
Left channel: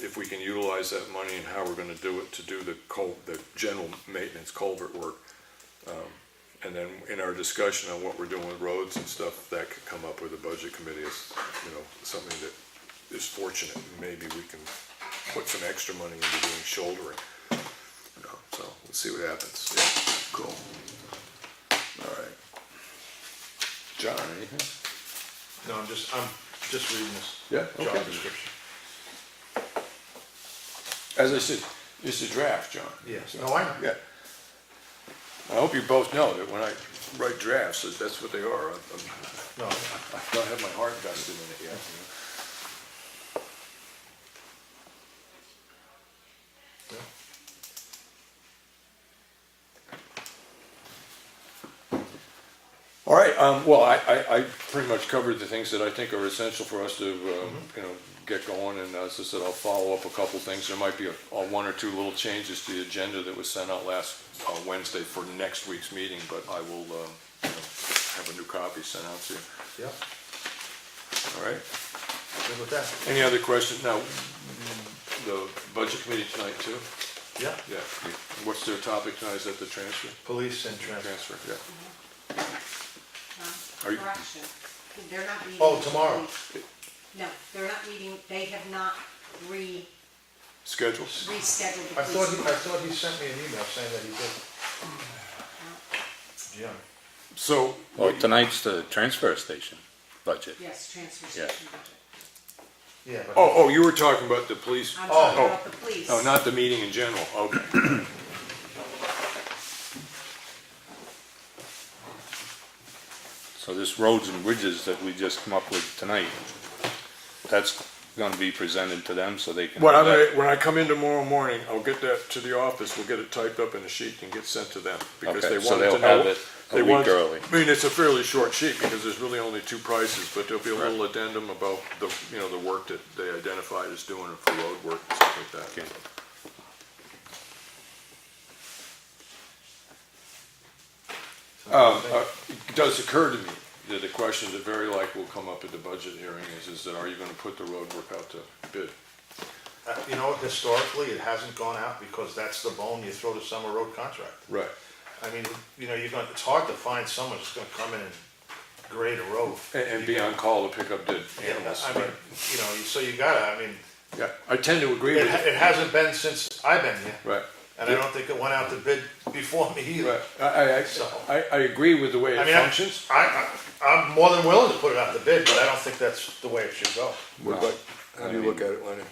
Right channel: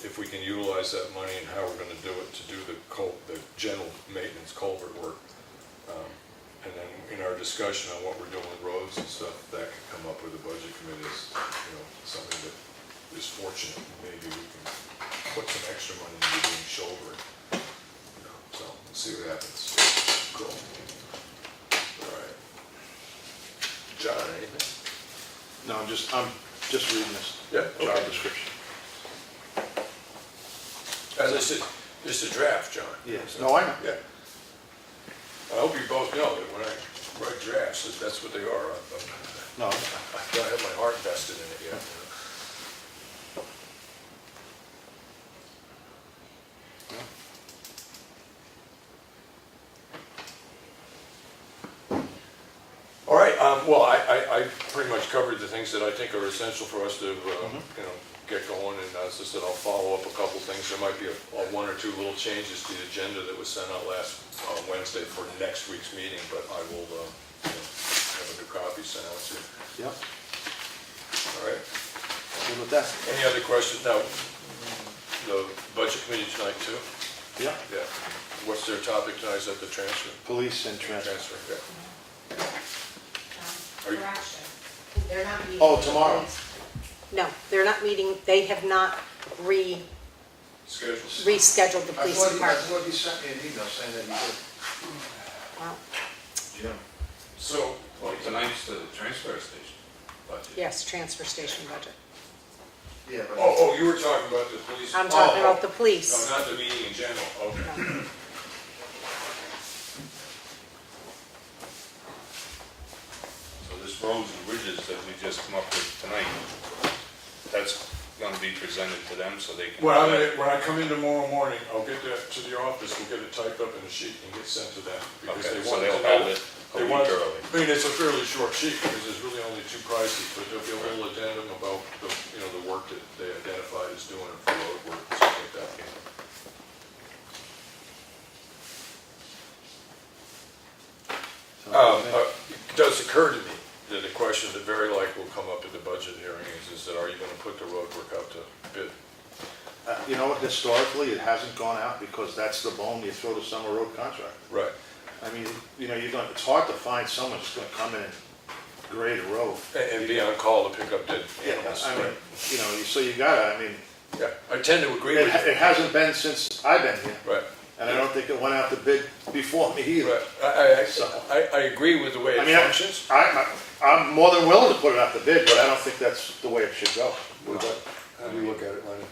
if we can utilize that money and how we're gonna do it to do the general maintenance culvert work. And then in our discussion on what we're doing with roads and stuff, that could come up with the budget committee as, something that is fortunate. Maybe we can put some extra money into doing shouldering. So let's see what happens. Cool. All right. John, anything? No, I'm just reading this Yeah, job okay. description. As I said, it's a draft, John. Yes, no, I know. Yeah. I hope you both know that when I write drafts, that's what they are. No, I don't have my heart vested in it yet. All right, well, I pretty much covered the things that I think are essential for us to, get going, and as I said, I'll follow up a couple things. There might be one or two little changes to the agenda that was sent out last Wednesday for next week's meeting, but I will, have a new copy sent out to you. yep, All right? good with that. Any other questions? Now, the budget committee tonight too? Yep, Yeah. What's their topic tonight? Is that the transfer? police and transfer. Transfer, yeah. Are you- Correction, they're not meeting. Oh, with the tomorrow. police. No, they're not meeting, they have not Schedules? rescheduled the police department. thought he sent me an email saying that he Well, did. Jim. So, Well, tonight's the transfer station budget. Yes, transfer station budget. Yeah. oh, you were talking about the police? I'm talking Oh, about the police. oh, not the meeting in general, okay. So this roads and bridges that we just come up with tonight, that's gonna be presented to them so they can. When I come in tomorrow morning, I'll get that to the office, we'll get it typed up in a sheet and get sent to them. Because Okay, they so wanted they'll to know. have it a they week wanted- early. I mean, it's a fairly short sheet because there's really only two prices, but there'll be a little addendum about the, the work that they identified as doing for road work and stuff like that. It does occur to me the question that very likely will come up at the budget hearing is that are you gonna put the road work out to bid? You know, historically, it hasn't gone out because that's the bone you throw the summer road contract. Right. I mean, you know, it's hard to find someone who's gonna come in and grade a road. And be on call to pick up dead Yeah, animals. I mean, you know, so you gotta, I mean, Yeah, I tend to agree with you. it hasn't been since I've been here. Right. And I don't think it went out to bid before me either. Right. So- I agree with the way I it mean, functions. I'm more than willing to put it out to bid, but I don't think that's the way it should go. How do you look at it, Lenny?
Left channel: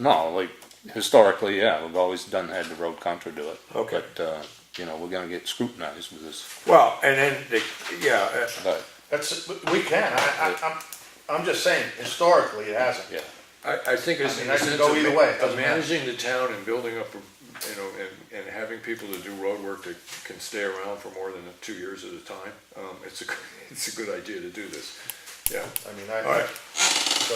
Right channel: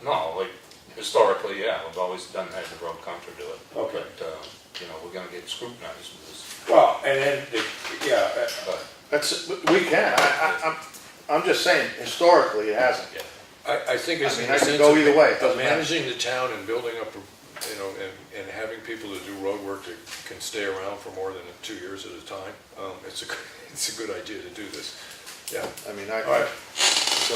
No, like, historically, yeah, we've always had the road contra do it. Okay. But, you know, we're gonna get scrutinized with this. Well, and then, yeah, But, We can, I'm just saying, historically, it hasn't. yeah. I think it's I mean, in I the could sense go of either way, it of doesn't matter. managing the town and building up, you know, and having people that do road work that can stay around for more than 2 years at a time. It's a good idea to do this. Yeah. I mean, All right. so,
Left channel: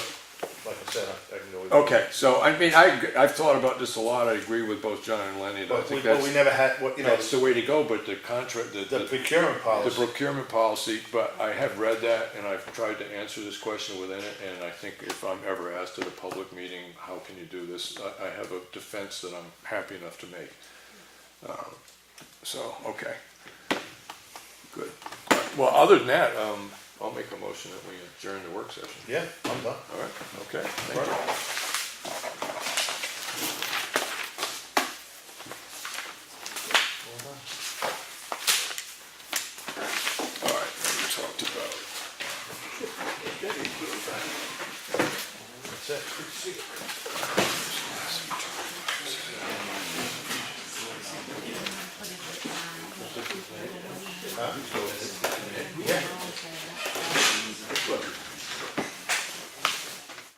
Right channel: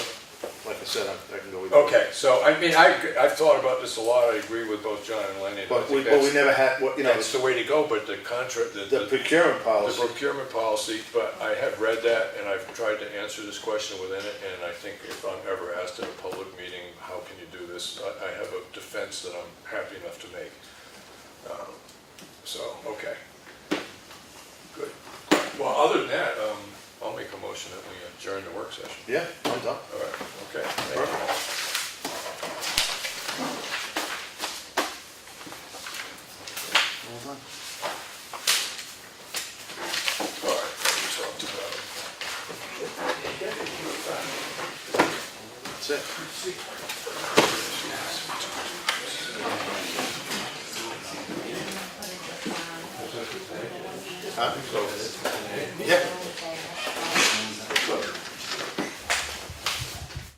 like I said, I can go either way. Okay, so I mean, I've thought about this a lot. I agree with both John and Lenny. But we that's, never had, you know, that's the way to go, but the contract, the procurement the policy. procurement policy, but I have read that and I've tried to answer this question within it, and I think if I'm ever asked at a public meeting, how can you do this, I have a defense that I'm happy enough to make. So, okay. Good. Well, other than that, I'll make a motion that we adjourn the work session. Yeah, I'm done. All right, okay. Thank you. All right, we talked about. That's it. Huh? Yeah.